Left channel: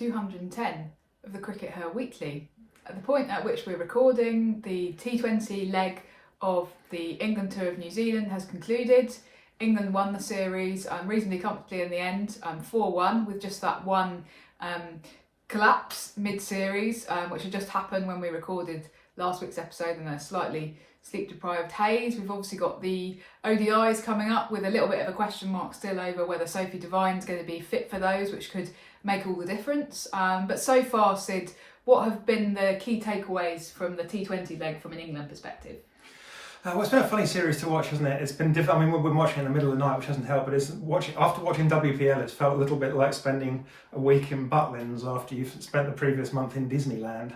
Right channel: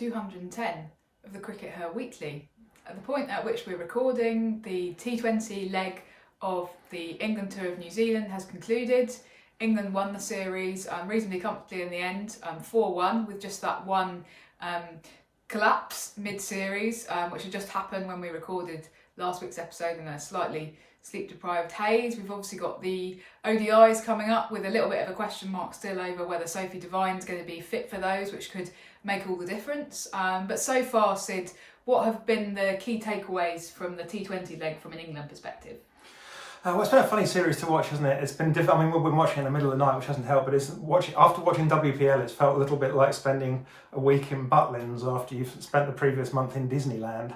210 of the CRICKETher Weekly. At the point at which we're recording, the T20 leg of the England tour of New Zealand has concluded. England won the series reasonably comfortably in the end, 4-1, with just that one collapse mid-series, which had just happened when we recorded last week's episode in a slightly sleep-deprived haze. We've obviously got the ODIs coming up with a little bit of a question mark still over whether Sophie Devine's going to be fit for those, which could make all the difference. But so far, Sid, what have been the key takeaways from the T20 leg from an England perspective? Well, it's been a funny series to watch, hasn't it? It's been different. I mean, we've been watching in the middle of the night, which hasn't helped, but after watching WPL, it's felt a little bit like spending a week in Butlins after you've spent the previous month in Disneyland.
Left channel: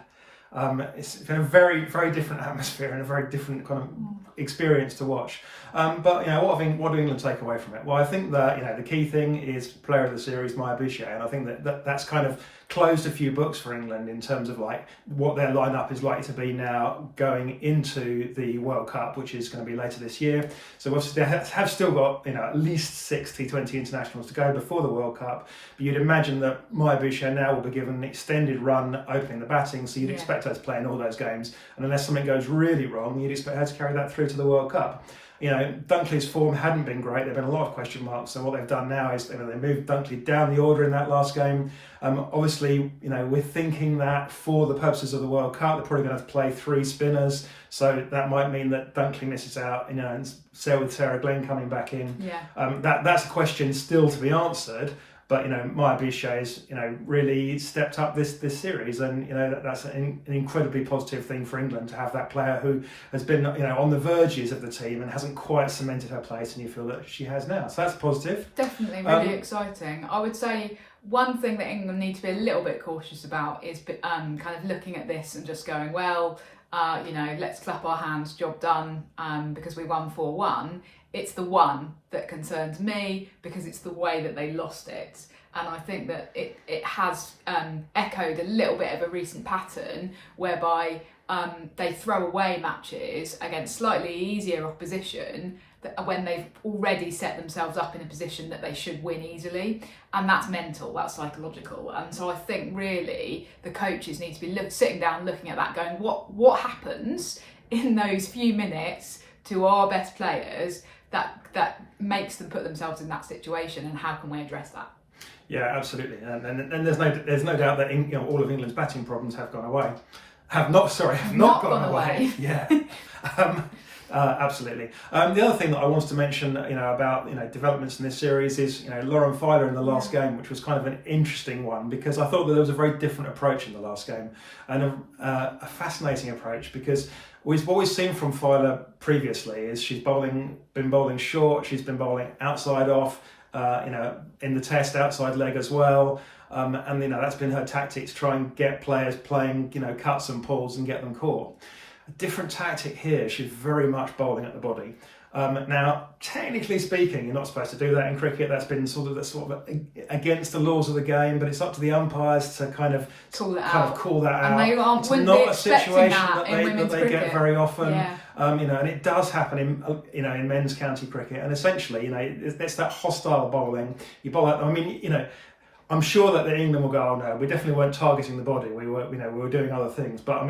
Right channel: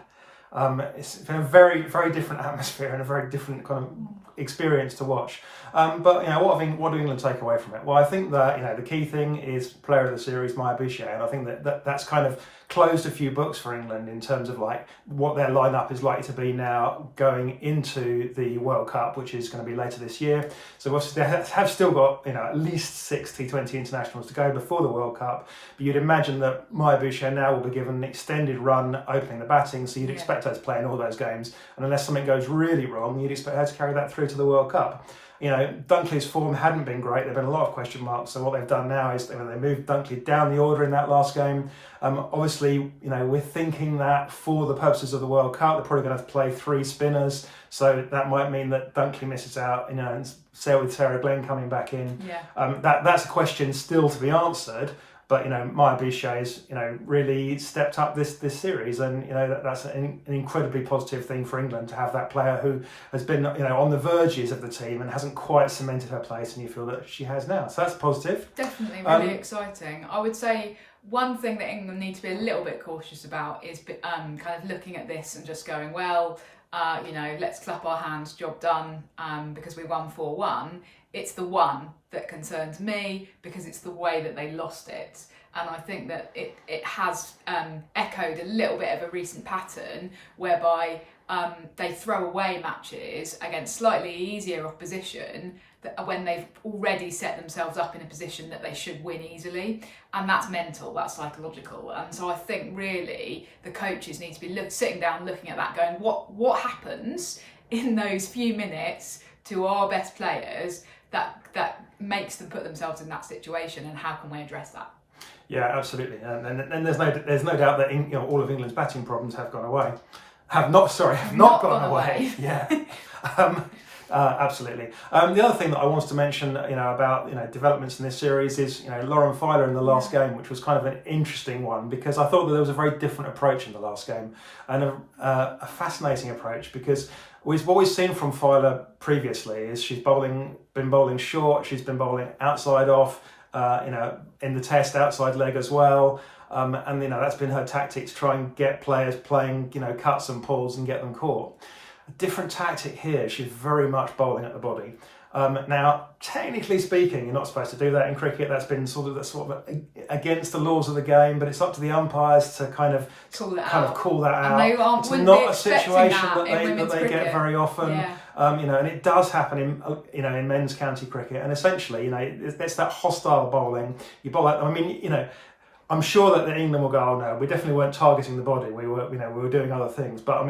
It's been a very, very different atmosphere and a very different kind of experience to watch. But what do England take away from it? Well, I think that the key thing is player of the series, Bouchier, and I think that's kind of closed a few books for England in terms of like what their lineup is likely to be now going into the World Cup, which is going to be later this year. So obviously they have still got at least 6 T20 internationals to go before the World Cup. But you'd imagine that Bouchier now will be given an extended run opening the batting, so you'd expect her to play in all those games. And unless something goes really wrong, you'd expect her to carry that through to the World Cup. Dunkley's form hadn't been great. There've been a lot of question marks. So what they've done now is they moved Dunkley down the order in that last game. Obviously, we're thinking that for the purposes of the World Cup, they're probably going to have to play 3 spinners. So that might mean that Dunkley misses out, and with Sarah Glenn coming back in. Yeah. That's a question still to be answered. But Bouchier's really stepped up this series, and that's an incredibly positive thing for England to have that player who has been on the verges of the team and hasn't quite cemented her place, and you feel that she has now. So that's positive. Definitely really exciting. I would say one thing that England need to be a little bit cautious about is kind of looking at this and just going, well, let's clap our hands, job done, because we won 4-1. It's the one that concerns me because it's the way that they lost it. And I think that it has echoed a little bit of a recent pattern whereby they throw away matches against slightly easier opposition when they've already set themselves up in a position that they should win easily. And that's mental, that's psychological. And so I think really the coaches need to be sitting down looking at that going, what happens in those few minutes to our best players that makes them put themselves in that situation, and how can we address that? Yeah, absolutely. And there's no doubt that all of England's batting problems have gone away. Have not gone away. Yeah. Absolutely. The other thing that I wanted to mention, about developments in this series is Lauren Filer in the last game, which was kind of an interesting one because I thought that there was a very different approach in the last game, and a fascinating approach because what we've seen from Filer previously is she's been bowling short, she's been bowling outside off, in the test outside leg as well. And that's been her tactics, try and get players playing cuts and pulls and get them caught. A different tactic here, she's very much bowling at the body. Now, technically speaking, you're not supposed to do that in cricket. That's been sort of against the laws of the game, but it's up to the umpires to kind of call that out. And they it's not a situation that they get very often. Yeah. And it does happen in men's county cricket. And essentially, it's that hostile bowling. You bowl out. I'm sure that England will go, oh no, we definitely weren't targeting the body. We were doing other things. But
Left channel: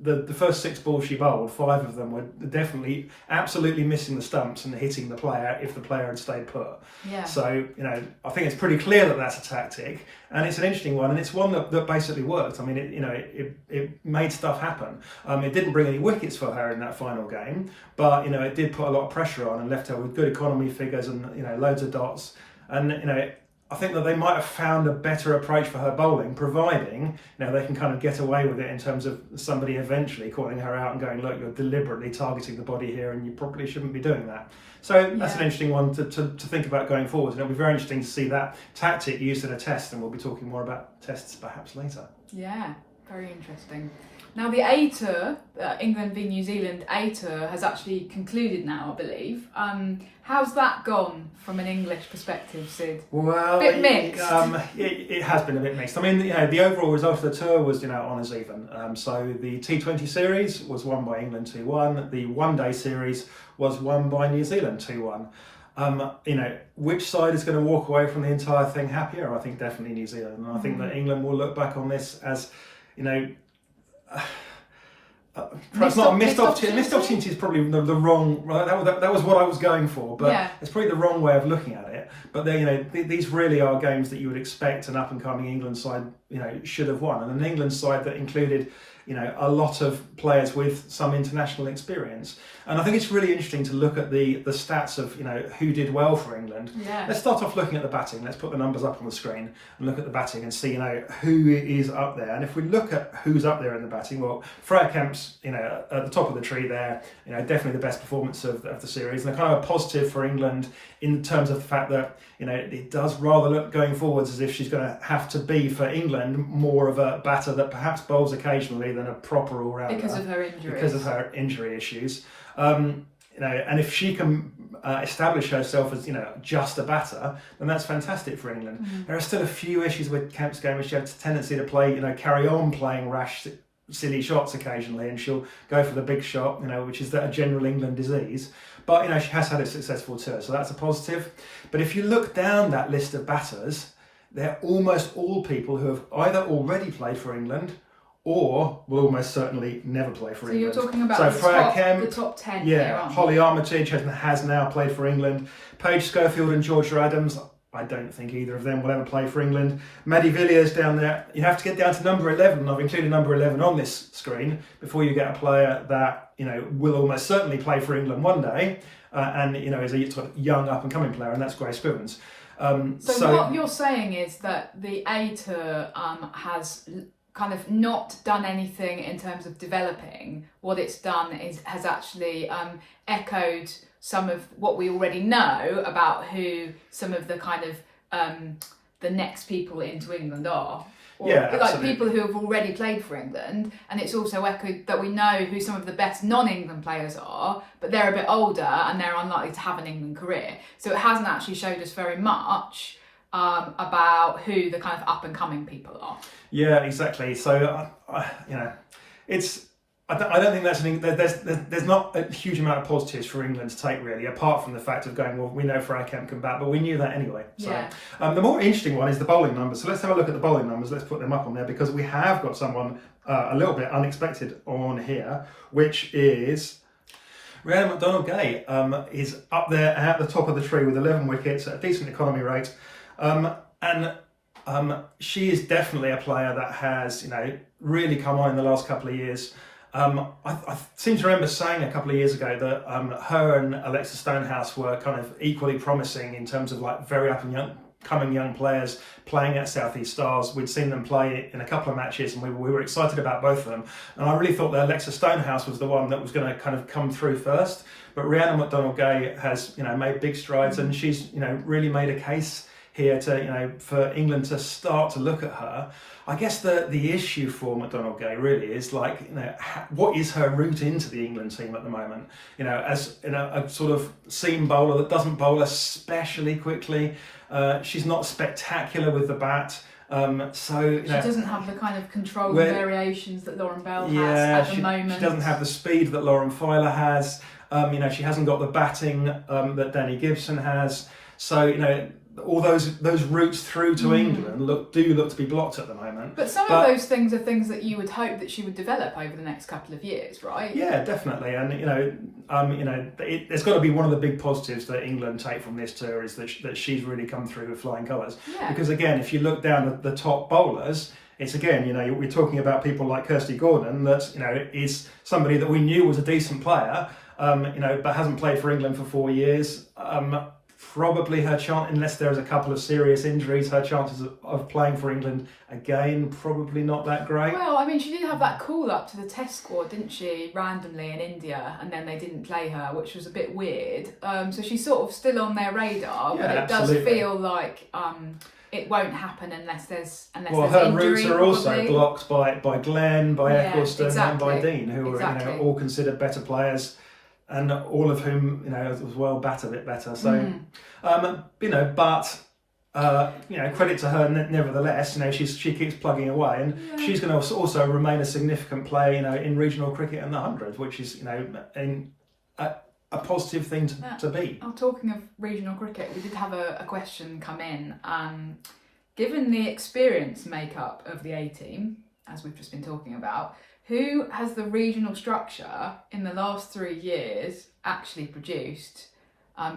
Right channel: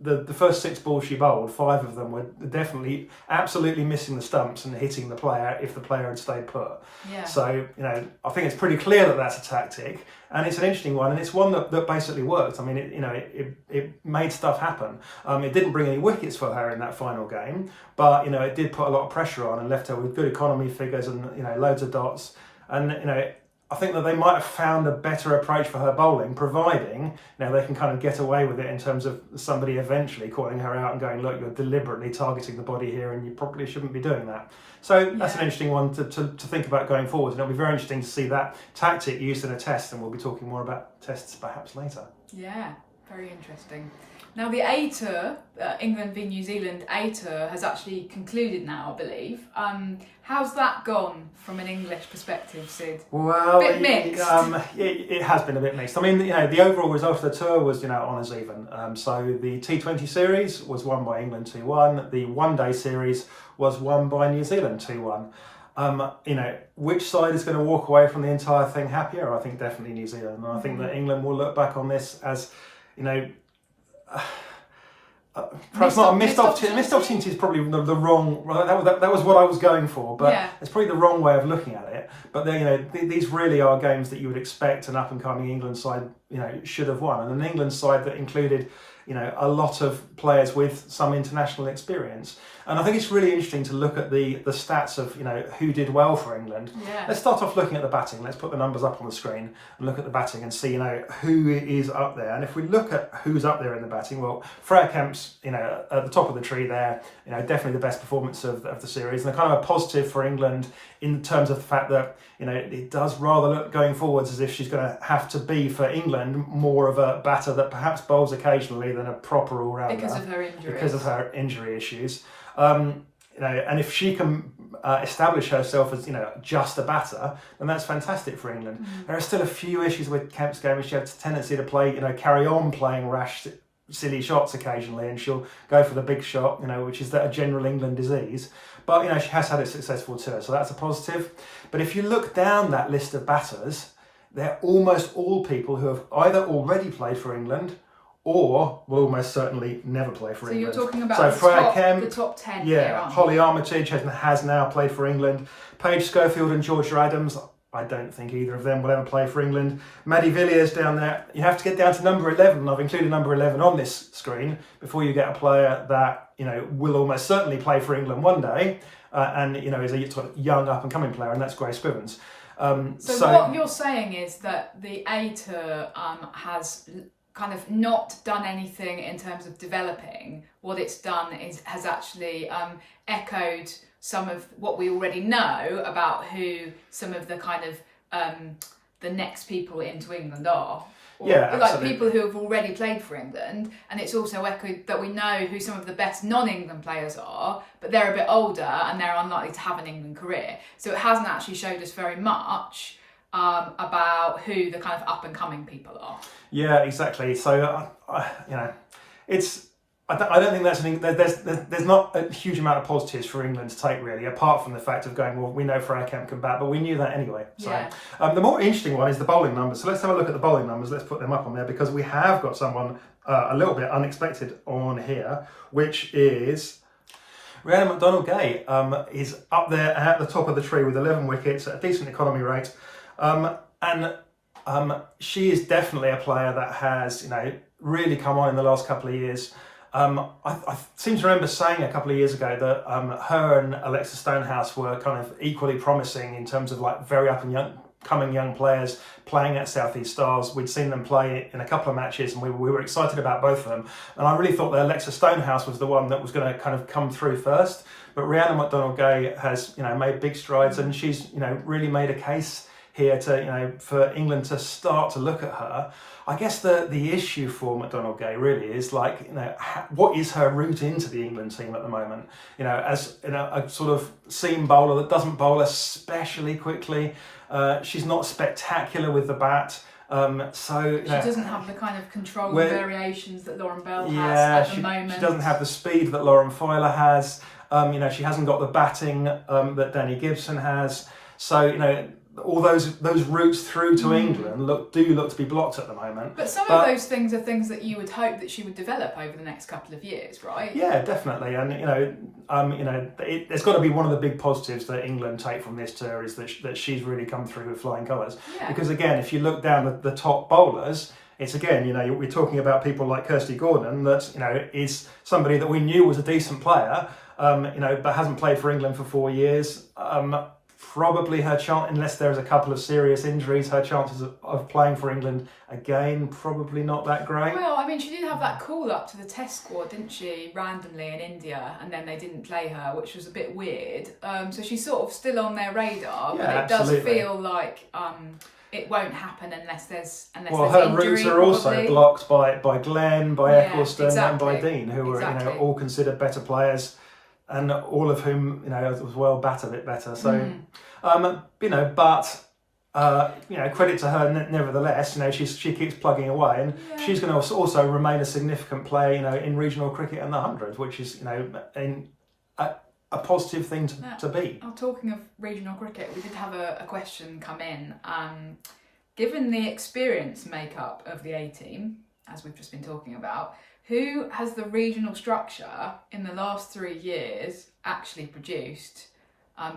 the first 6 balls she bowled, 5 of them were definitely absolutely missing the stumps and hitting the player if the player had stayed put. Yeah. So, I think it's pretty clear that that's a tactic, and it's an interesting one, and it's one that basically worked. I mean, it made stuff happen. It didn't bring any wickets for her in that final game, but it did put a lot of pressure on and left her with good economy figures and loads of dots. And I think that they might have found a better approach for her bowling, providing they can kind of get away with it in terms of somebody eventually calling her out and going, look, you're deliberately targeting the body here and you probably shouldn't be doing that. So that's an interesting one to think about going forward. And it'll be very interesting to see that tactic used in a test, and we'll be talking more about tests perhaps later. Yeah, very interesting. Now the A Tour, England v New Zealand A Tour, has actually concluded now, I believe. How's that gone from an English perspective, Sid? Well, bit mixed. It has been a bit mixed. I mean, the overall result of the tour was honours even. So the T20 series was won by England 2-1. The one-day series was won by New Zealand 2-1. which side is going to walk away from the entire thing happier? I think definitely New Zealand. And I think that England will look back on this as, perhaps not a missed opportunity. Missed opportunity is probably the wrong. That was what I was going for, but it's probably the wrong way of looking at it. But these really are games that you would expect an up and coming England side, should have won, and an England side that included, a lot of players with some international experience. And I think it's really interesting to look at the stats of, who did well for England. Yeah. Let's start off looking at the batting. Let's put the numbers up on the screen and look at the batting and see, who is up there. And if we look at who's up there in the batting, well, Freya Kemp's, at the top of the tree there, definitely the best performance of the series. And kind of a positive for England in terms of the fact that, it does rather look going forwards as if she's going to have to be, for England, more of a batter that perhaps bowls occasionally than a proper all-rounder. Because of her injuries. Because of her injury issues. And if she can establish herself as, just a batter, then that's fantastic for England. Mm-hmm. There are still a few issues with Kemp's game, which she has a tendency to play, carry on playing rash, silly shots occasionally, and she'll go for the big shot, which is a general England disease. But, she has had it successful too, so that's a positive. But if you look down that list of batters, they're almost all people who have either already played for England or will almost certainly never play for England. So you're talking about the top 10 here, aren't you? Holly Armitage has now played for England. Paige Schofield and Georgia Adams, I don't think either of them will ever play for England. Maddie Villiers down there. You have to get down to number 11. I've included number 11 on this screen before you get a player that, will almost certainly play for England one day and, is a young up-and-coming player, and that's Grace Spivens. So what you're saying is that the A Tour has kind of not done anything in terms of developing. What it's done has actually echoed some of what we already know about who some of the kind of the next people into England are. Or, like people who have already played for England, and it's also echoed that we know who some of the best non-England players are, but they're a bit older and they're unlikely to have an England career. So it hasn't actually showed us very much about who the kind of up and coming people are. Yeah, exactly. So I don't think that's there's not a huge amount of positives for England to take really, apart from the fact of going, well, we know Freya Kemp can bat, but we knew that anyway. So the more interesting one is the bowling numbers. So let's have a look at the bowling numbers. Let's put them up on there because we have got someone a little bit unexpected on here, which is Rhiannon McDonald-Gay. Is up there at the top of the tree with 11 wickets at a decent economy rate. She is definitely a player that has, really come on in the last couple of years. I seem to remember saying a couple of years ago that her and Alexa Stonehouse were kind of equally promising in terms of very up and coming young players playing at South East Stars. We'd seen them play in a couple of matches and we were excited about both of them. And I really thought that Alexa Stonehouse was the one that was going to kind of come through first. But Rhiannon McDonald-Gay has, made big strides and she's, really made a case here to, for England to start to look at her. I guess the issue for McDonald-Gay really is what is her route into the England team at the moment? As a sort of seam bowler that doesn't bowl especially quickly. She's not spectacular with the bat. She doesn't have the kind of control and variations that Lauren Bell has at the moment. She doesn't have the speed that Lauren Filer has. She hasn't got the batting that Danny Gibson has. So, all those routes through to England look to be blocked at the moment. But some of those things are things that you would hope that she would develop over the next couple of years, right? Yeah, definitely. And there's got to be one of the big positives that England take from this tour is that she's really come through with flying colours. Yeah. Because again, if you look down the top bowlers, it's again, we're talking about people like Kirsty Gordon that is somebody that we knew was a decent player, but hasn't played for England for 4 years. Probably her chance, unless there is a couple of serious injuries, her chances of playing for England again, probably not that great. Well, I mean, she did have that call up to the test squad, didn't she, randomly in India, and then they didn't play her, which was a bit weird. So she's sort of still on their radar, but it does feel like it won't happen unless there's her injury, routes are also blocked by Glenn, by Eccleston, and by Dean, who are all considered better players. And all of whom, as well, bat a bit better. So, credit to her nevertheless. She keeps plugging away, and she's going to also remain a significant player, in regional cricket and the 100, which is, a positive thing to be. Oh, talking of regional cricket, we did have a question come in. Given the experience makeup of the A team, as we've just been talking about, who has the regional structure in the last 3 years actually produced?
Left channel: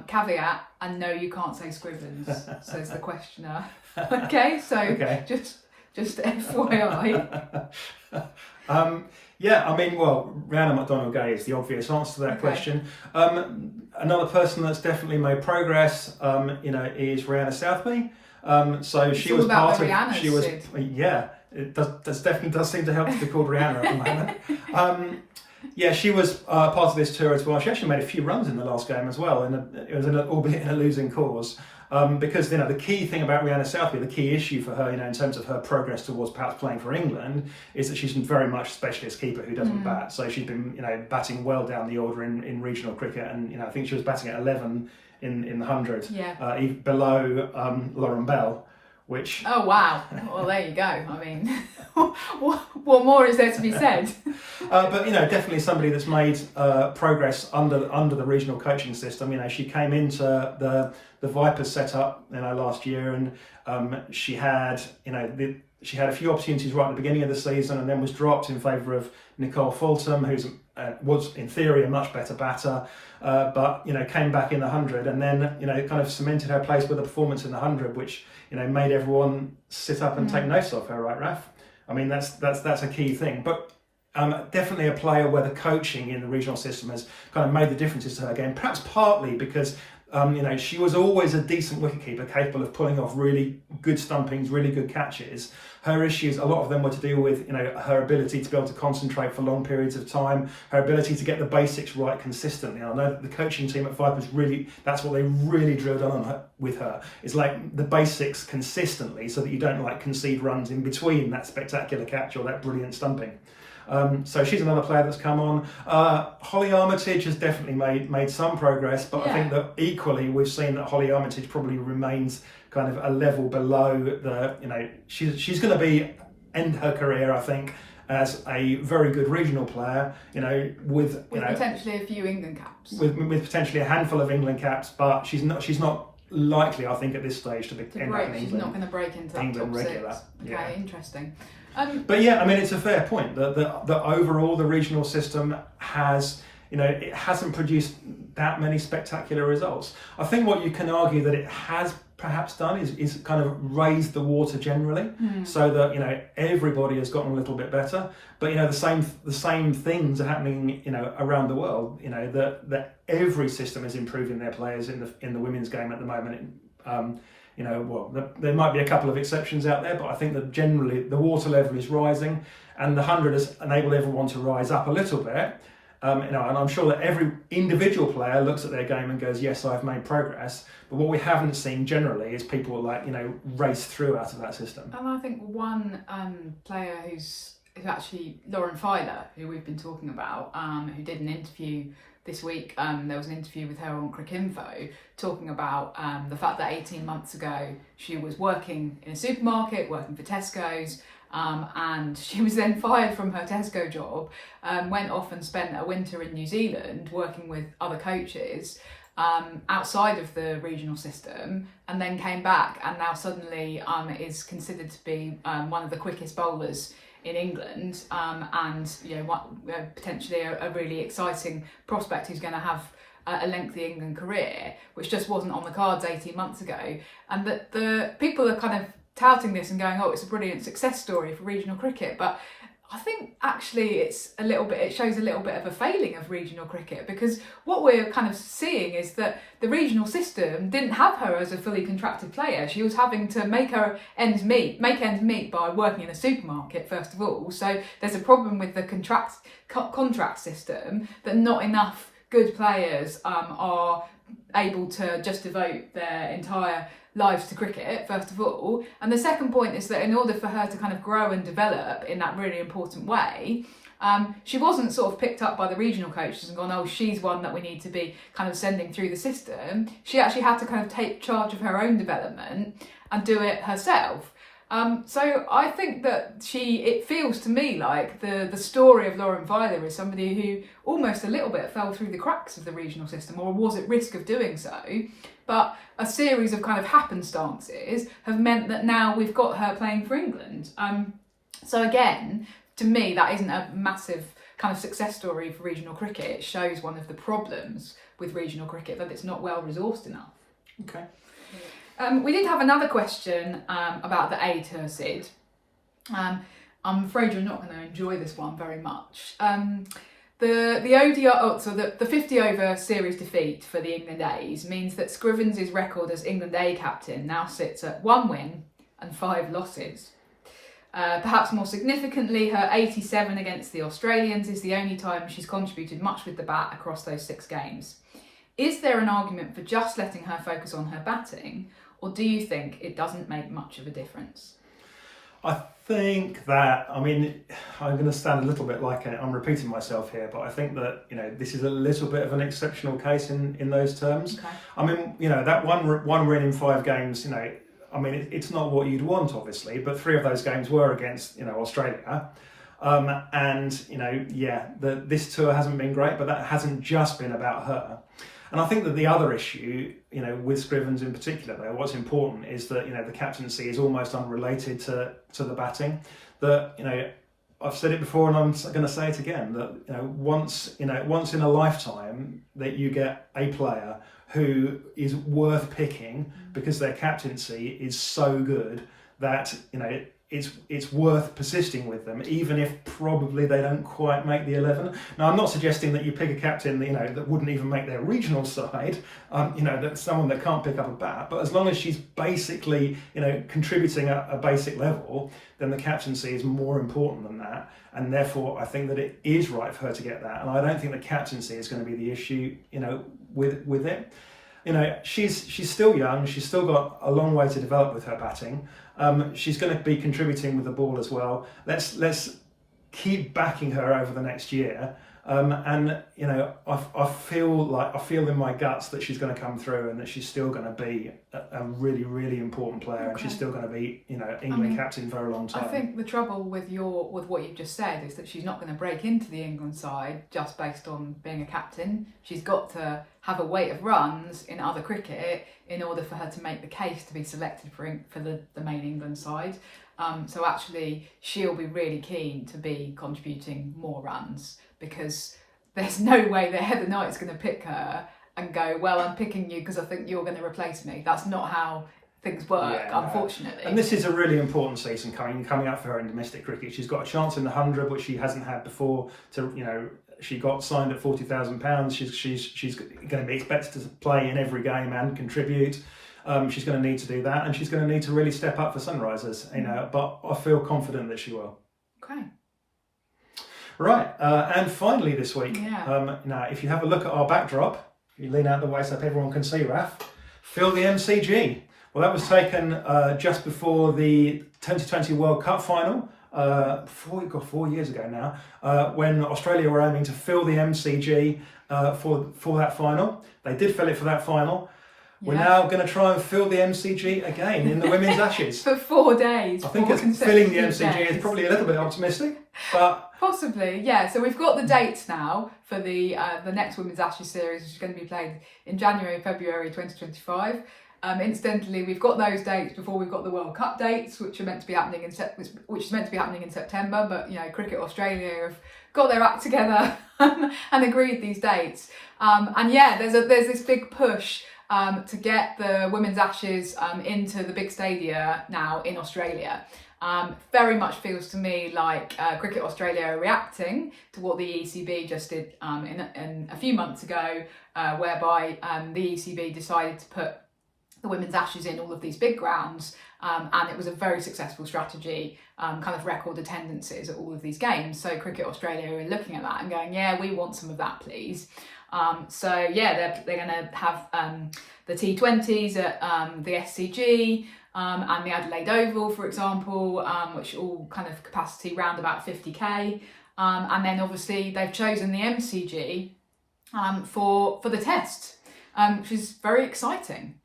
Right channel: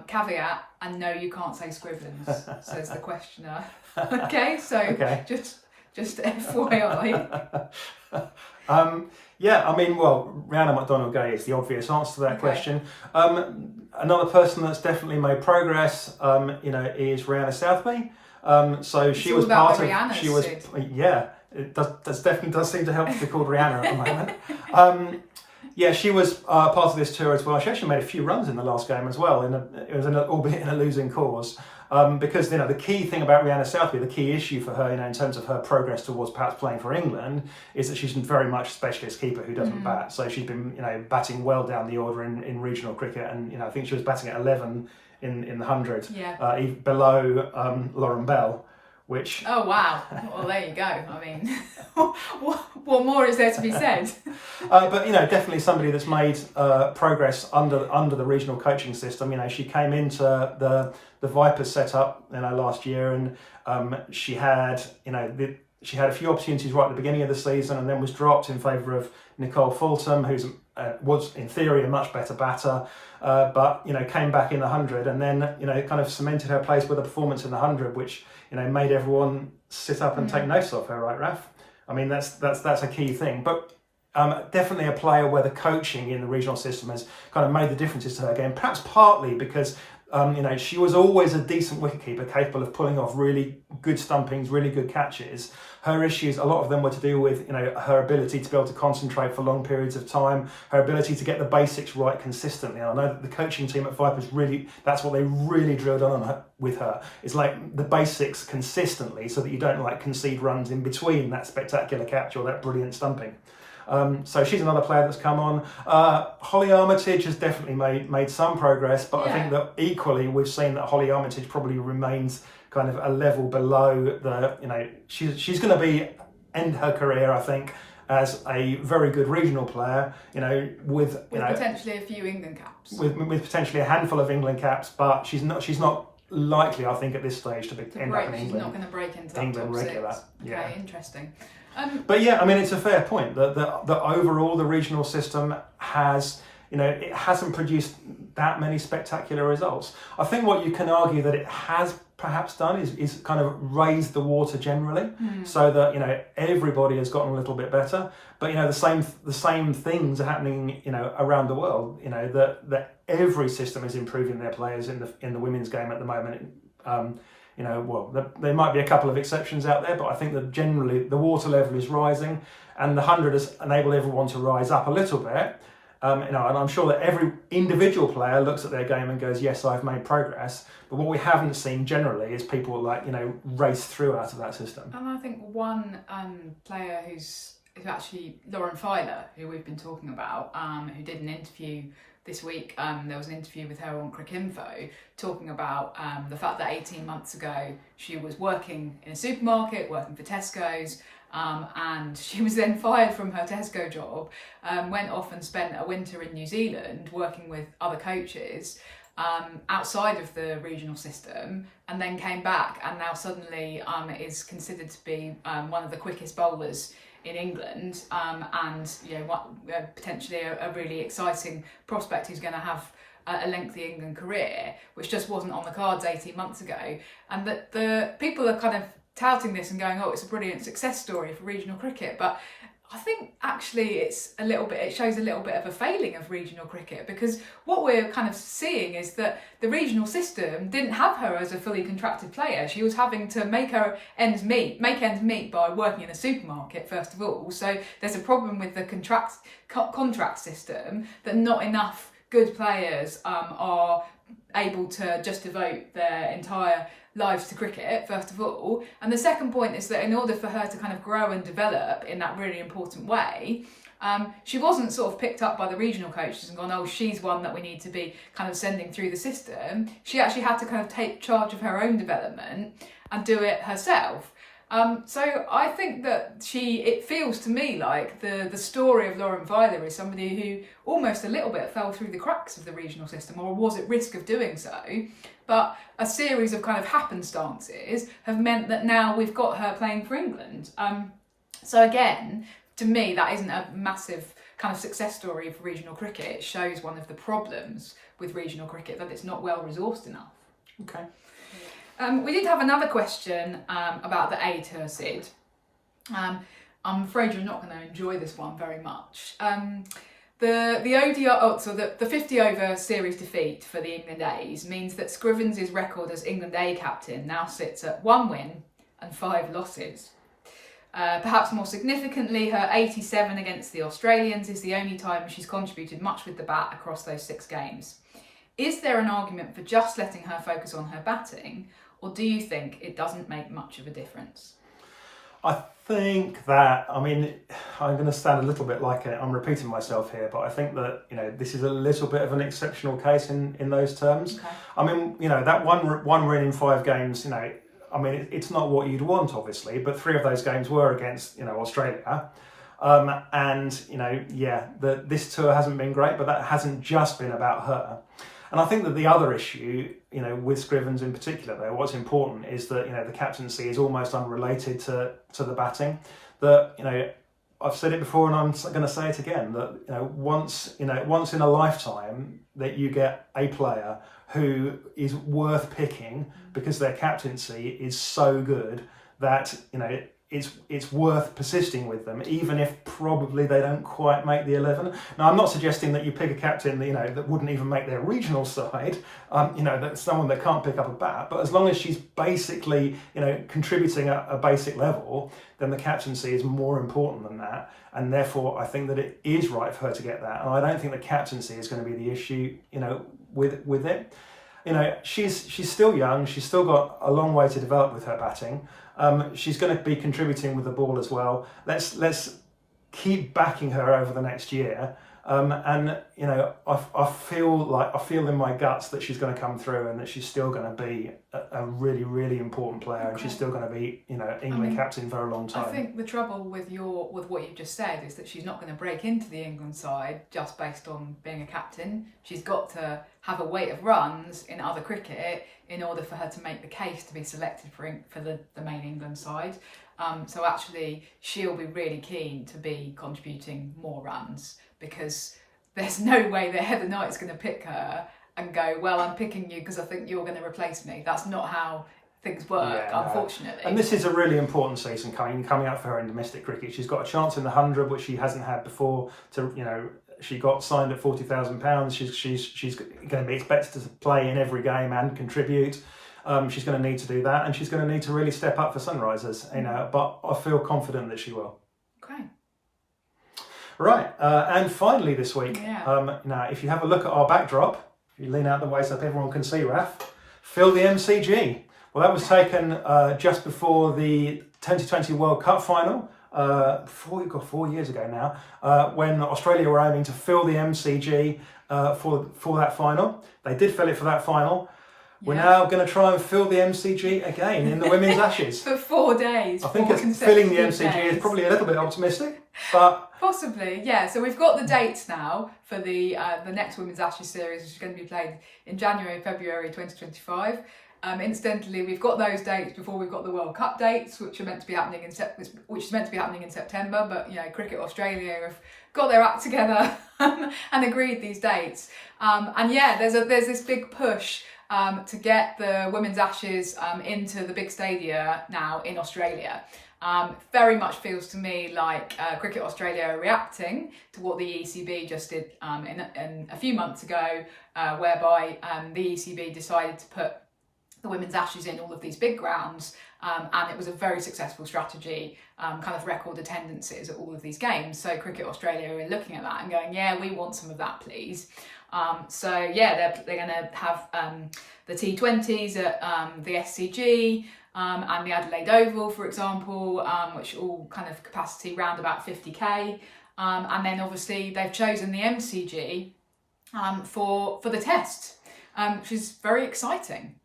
Caveat, and no, you can't say Scrivens, says the questioner. Okay, so just FYI. Yeah, I mean, well, Rihanna McDonald-Gay is the obvious answer to that question. Another person that's definitely made progress, is Rihanna Southby. So she was part of. She was, yeah. It definitely does seem to help to be called Rihanna at the moment. Yeah, she was part of this tour as well. She actually made a few runs in the last game as well, albeit in a losing cause. Because the key thing about Rihanna Southby, the key issue for her, in terms of her progress towards perhaps playing for England, is that she's very much a specialist keeper who doesn't bat. So she's been batting well down the order in regional cricket, and I think she was batting at 11 in the 100, below Lauren Bell. Which... Oh wow! Well, there you go. I mean, what more is there to be said? But definitely somebody that's made progress under the regional coaching system. She came into the Vipers setup last year, and she had she had a few opportunities right at the beginning of the season, and then was dropped in favour of Nicole Fulton, who's was in theory a much better batter. But came back in the 100, and then kind of cemented her place with a performance in the 100, which made everyone sit up and take notice of her, right, Raf? I mean, that's a key thing. But definitely a player where the coaching in the regional system has kind of made the differences to her game. Perhaps partly because she was always a decent wicketkeeper, capable of pulling off really good stumpings, really good catches. Her issues, a lot of them were to do with her ability to be able to concentrate for long periods of time, her ability to get the basics right consistently. And I know that the coaching team at Vipers that's what they really drilled on her, with her. It's like the basics consistently, so that you don't concede runs in between that spectacular catch or that brilliant stumping. So she's another player that's come on. Holly Armitage has definitely made some progress, but I think that equally we've seen that Holly Armitage probably remains kind of a level below the, she's going to end her career, I think, as a very good regional player, with potentially a few England caps. With potentially a handful of England caps, but she's not likely, I think, at this stage to end up in England. She's not going to break into that top regular. 6. Okay, interesting. But yeah, I mean, it's a fair point that overall the regional system has, it hasn't produced that many spectacular results. I think what you can argue that it has perhaps done is kind of raised the water generally, so that everybody has gotten a little bit better. But the same things are happening around the world. That every system is improving their players in the women's game at the moment. There might be a couple of exceptions out there, but I think that generally the water level is rising, and the 100 has enabled everyone to rise up a little bit. And I'm sure that every individual player looks at their game and goes, yes, I've made progress. But what we haven't seen generally is people race through out of that system. And I think one player who's actually Lauren Filer, who we've been talking about, who did an interview this week. There was an interview with her on CRICKETher talking about the fact that 18 months ago she was working in a supermarket, working for Tesco's, and she was then fired from her Tesco job, went off and spent a winter in New Zealand working with other coaches outside of the regional system, and then came back and now suddenly is considered to be one of the quickest bowlers in England, and potentially a really exciting prospect who's going to have a lengthy England career, which just wasn't on the cards 18 months ago. And that the people are kind of touting this and going, oh, it's a brilliant success story for regional cricket, but I think actually it shows a little bit of a failing of regional cricket, because what we're kind of seeing is that the regional system didn't have her as a fully contracted player. She was having to make ends meet by working in a supermarket, first of all. So there's a problem with the contract system, that not enough good players are able to just devote their entire lives to cricket, first of all. And the second point is that in order for her to kind of grow and develop in that really important way, she wasn't sort of picked up by the regional coaches and gone, oh, she's one that we need to be kind of sending through the system. She actually had to kind of take charge of her own development and do it herself. So I think that it feels to me like the story of Lauren Veiler is somebody who almost a little bit fell through the cracks of the regional system, or was at risk of doing so. But a series of kind of happenstances have meant that now we've got her playing for England. So again, to me, that isn't a massive kind of success story for regional cricket. It shows one of the problems with regional cricket, that it's not well resourced enough. Okay. We did have another question about the A Tour, Sid. I'm afraid you're not going to enjoy this one very much. The ODI, so the 50 over series defeat for the England A's means that Scrivens' record as England A captain now sits at 1 win and 5 losses. Perhaps more significantly, her 87 against the Australians is the only time she's contributed much with the bat across those 6 games. Is there an argument for just letting her focus on her batting, or do you think it doesn't make much of a difference? I think that, I mean, I'm going to sound a little bit like I'm repeating myself here, but I think that, this is a little bit of an exceptional case in those terms. Okay. I mean, that one win in 5 games, I mean, it's not what you'd want, obviously, but 3 of those games were against, Australia. This tour hasn't been great, but that hasn't just been about her. And I think that the other issue, with Scrivens in particular, though, what's important is that, the captaincy is almost unrelated to the batting. That, I've said it before and I'm going to say it again, that, once in a lifetime that you get a player who is worth picking because their captaincy is so good that, it's worth persisting with them, even if probably they don't quite make the 11. Now, I'm not suggesting that you pick a captain that, that wouldn't even make their regional side, that's someone that can't pick up a bat, but as long as she's basically, contributing at a basic level, then the captaincy is more important than that. And therefore, I think that it is right for her to get that. And I don't think the captaincy is going to be the issue, with it. She's still young. She's still got a long way to develop with her batting. She's going to be contributing with the ball as well. Let's keep backing her over the next year. I feel in my guts that she's going to come through and that she's still going to be a really, really important player. Okay. And she's still going to be, England captain for a long time. I think the trouble with what you've just said is that she's not going to break into the England side just based on being a captain. She's got to have a weight of runs in other cricket in order for her to make the case to be selected for the main England side. So actually, she'll be really keen to be contributing more runs, because there's no way that Heather Knight's going to pick her and go, well, I'm picking you because I think you're going to replace me. That's not how things work, unfortunately. And this is a really important season coming up for her in domestic cricket. She's got a chance in the 100, which she hasn't had before. She got signed at £40,000. She's going to be expected to play in every game and contribute. She's going to need to do that, and she's going to need to really step up for Sunrisers. But I feel confident that she will. Okay. Right, and finally this week, now if you have a look at our backdrop, you lean out the way so that everyone can see, Raf, fill the MCG. Well, that was taken just before the 2020 World Cup final, 4 years ago now, when Australia were aiming to fill the MCG for that final. They did fill it for that final. We're now going to try and fill the MCG again in the Women's Ashes. For 4 days. I think filling the MCG is probably a little bit optimistic, but... Possibly, yeah. So we've got the dates now for the next Women's Ashes series, which is going to be played in January, February 2025. Incidentally, we've got those dates before we've got the World Cup dates, which are meant to be happening in September. But Cricket Australia have got their act together and agreed these dates. There's this big push to get the Women's Ashes into the big stadia now in Australia. Very much feels to me like Cricket Australia are reacting to what the ECB just did in a few months ago, whereby the ECB decided to put the Women's Ashes in all of these big grounds, and it was a very successful strategy, kind of record attendances at all of these games. So Cricket Australia are looking at that and going, yeah, we want some of that, please. They're going to have the T20s at the SCG, and the Adelaide Oval, for example, which all kind of capacity round about 50k. And then obviously they've chosen the MCG for the test, which is very exciting.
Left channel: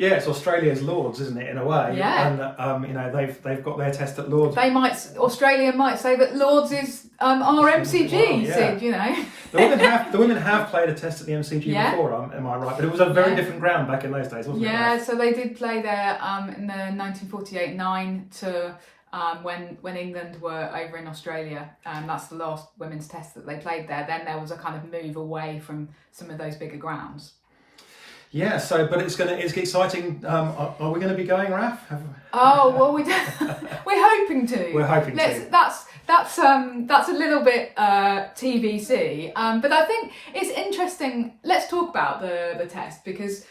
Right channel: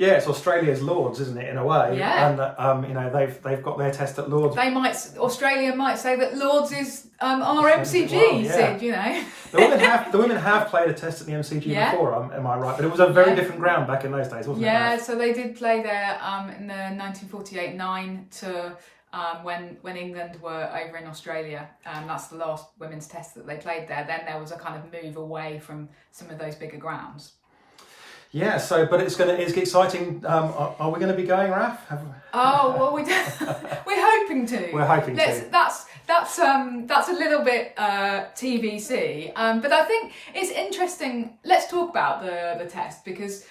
Yeah, it's Australia's Lords, isn't it, in a way? Yeah. And you know, they've got their test at Lords. Australia might say that Lords is our MCG, well, yeah. Sid, you know. The women have played a test at the MCG before, am I right? But it was a very different ground back in those days, wasn't it? Yeah, so they did play there in the 1948-9 to when England were over in Australia. That's the last women's test that they played there. Then there was a kind of move away from some of those bigger grounds. Yeah, so but it's exciting. Are we going to be going, Raf? Oh well, we're hoping to. We're hoping to. That's a little bit TBC. But I think it's interesting. Let's talk about the test because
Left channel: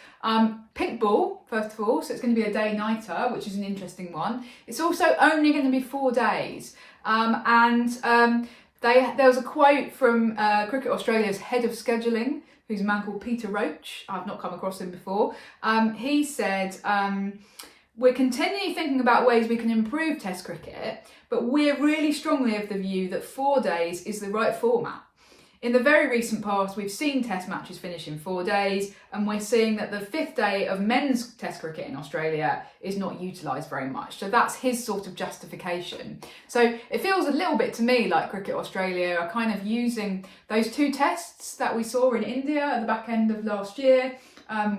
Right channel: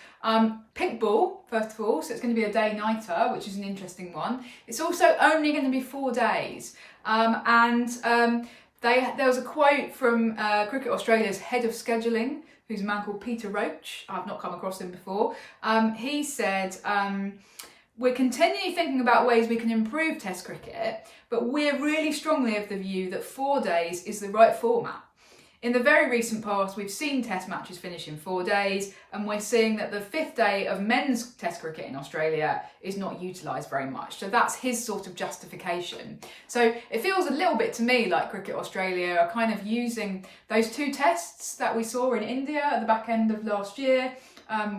pink ball first of all. So it's going to be a day-nighter, which is an interesting one. It's also only going to be 4 days, there was a quote from Cricket Australia's head of scheduling, who's a man called Peter Roach. I've not come across him before. He said, we're continually thinking about ways we can improve Test cricket, but we're really strongly of the view that 4 days is the right format. In the very recent past, we've seen Test matches finish in 4 days, and we're seeing that the 5th day of men's Test cricket in Australia is not utilised very much. So that's his sort of justification. So it feels a little bit to me like Cricket Australia are kind of using those 2 tests that we saw in India at the back end of last year,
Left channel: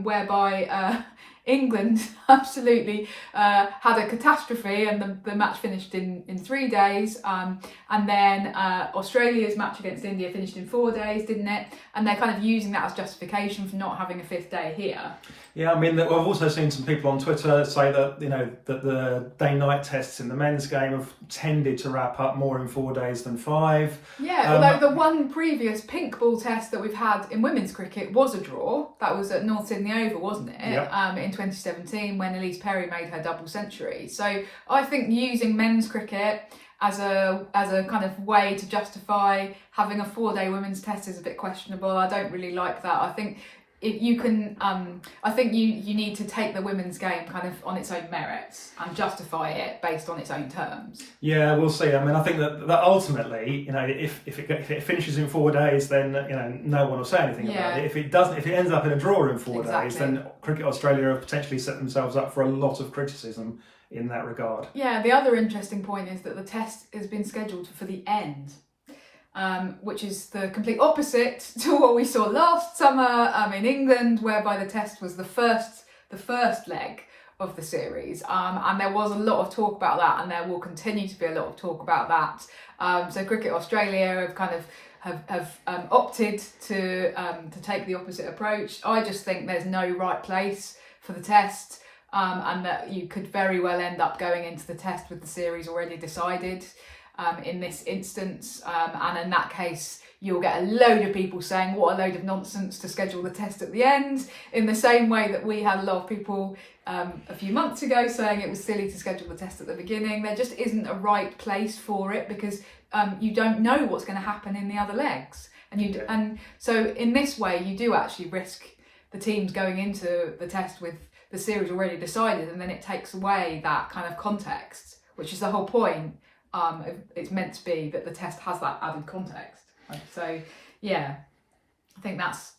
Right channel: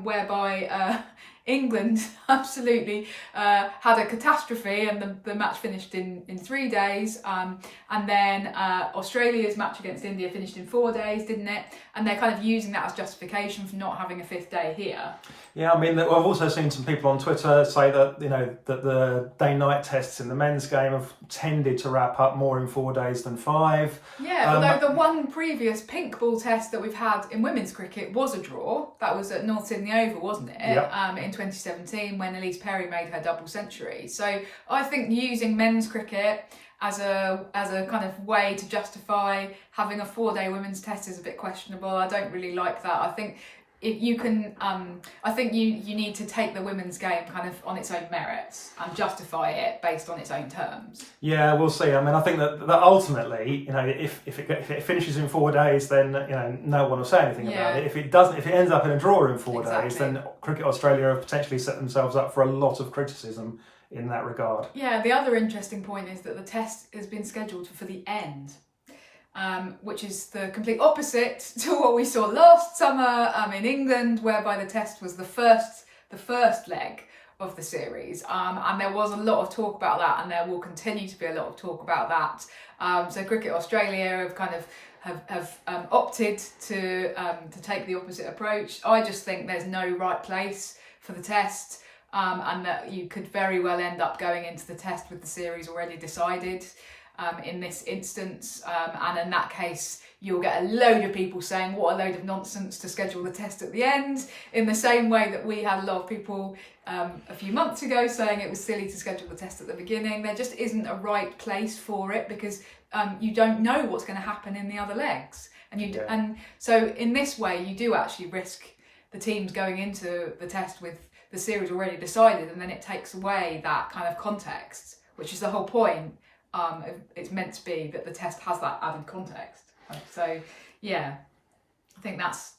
whereby England absolutely had a catastrophe and the match finished in 3 days, and then Australia's match against India finished in 4 days, didn't it? And they're kind of using that as justification for not having a 5th day here. Yeah, I mean, I've also seen some people on Twitter say that, you know, that the day-night tests in the men's game have tended to wrap up more in 4 days than 5. Yeah, although the one previous pink ball test that we've had in women's cricket was a draw. That was at North Sydney Oval, wasn't it? Yep. In 2017 when Elise Perry made her double century. So I think using men's cricket as a kind of way to justify having a 4-day women's test is a bit questionable. I don't really like that. I think if you can, I think you need to take the women's game kind of on its own merits and justify it based on its own terms. Yeah, we'll see. I mean, I think that ultimately, you know, if it finishes in 4 days, then, you know, no one will say anything about it. If it ends up in a draw in 4 days, then Cricket Australia have potentially set themselves up for a lot of criticism in that regard. Yeah, the other interesting point is that the test has been scheduled for the end. Which is the complete opposite to what we saw last summer in England, whereby the test was the first leg of the series, and there was a lot of talk about that, and there will continue to be a lot of talk about that. So Cricket Australia have kind of have opted to take the opposite approach. I just think there's no right place for the test, and that you could very well end up going into the test with the series already decided. In this instance, and in that case you'll get a load of people saying what a load of nonsense to schedule the test at the end, in the same way that we had a lot of people a few months ago saying it was silly to schedule the test at the beginning. There just isn't a right place for it because you don't know what's going to happen in the other legs, and so in this way you do actually risk the teams going into the test with the series already decided, and then it takes away that kind of context, which is the whole point. It's meant to be that the test has that added context. So yeah, I think that's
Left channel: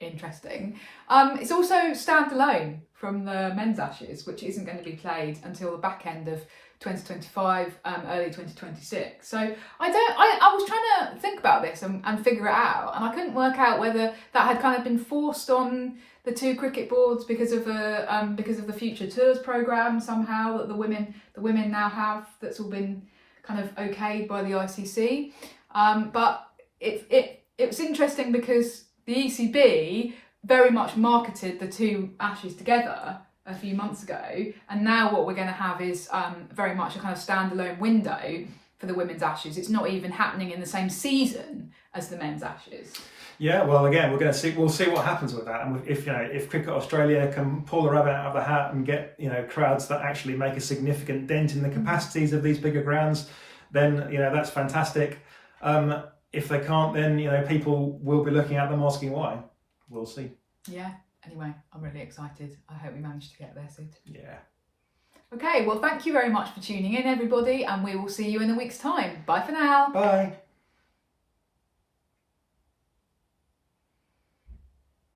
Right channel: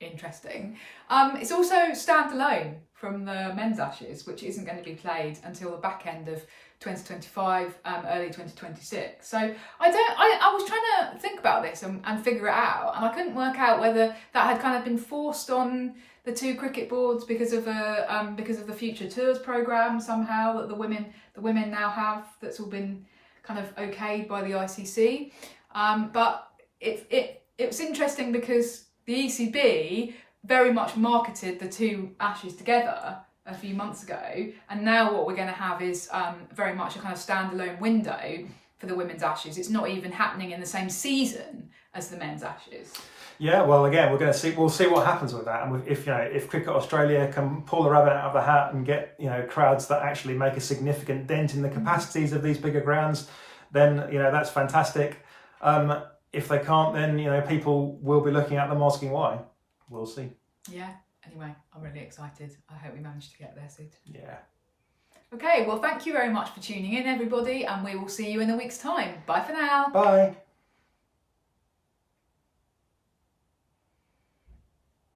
interesting. It's also standalone from the men's Ashes, which isn't going to be played until the back end of 2025, early 2026. So I was trying to think about this and figure it out, and I couldn't work out whether that had kind of been forced on the 2 cricket boards because of the Future Tours programme somehow that the women now have, that's all been kind of okayed by the ICC. But it was interesting because the ECB very much marketed the 2 Ashes together a few months ago, and now what we're going to have is very much a kind of standalone window for the women's Ashes. It's not even happening in the same season as the men's Ashes. Yeah, well, again, we'll see what happens with that, and if Cricket Australia can pull the rabbit out of the hat and get, you know, crowds that actually make a significant dent in the capacities of these bigger grounds, then, you know, that's fantastic. If they can't, then, you know, people will be looking at them asking why. We'll see. Yeah. Anyway, I'm really excited. I hope we manage to get there, Sid. Yeah. Okay, well, thank you very much for tuning in, everybody, and we will see you in a week's time. Bye for now. Bye.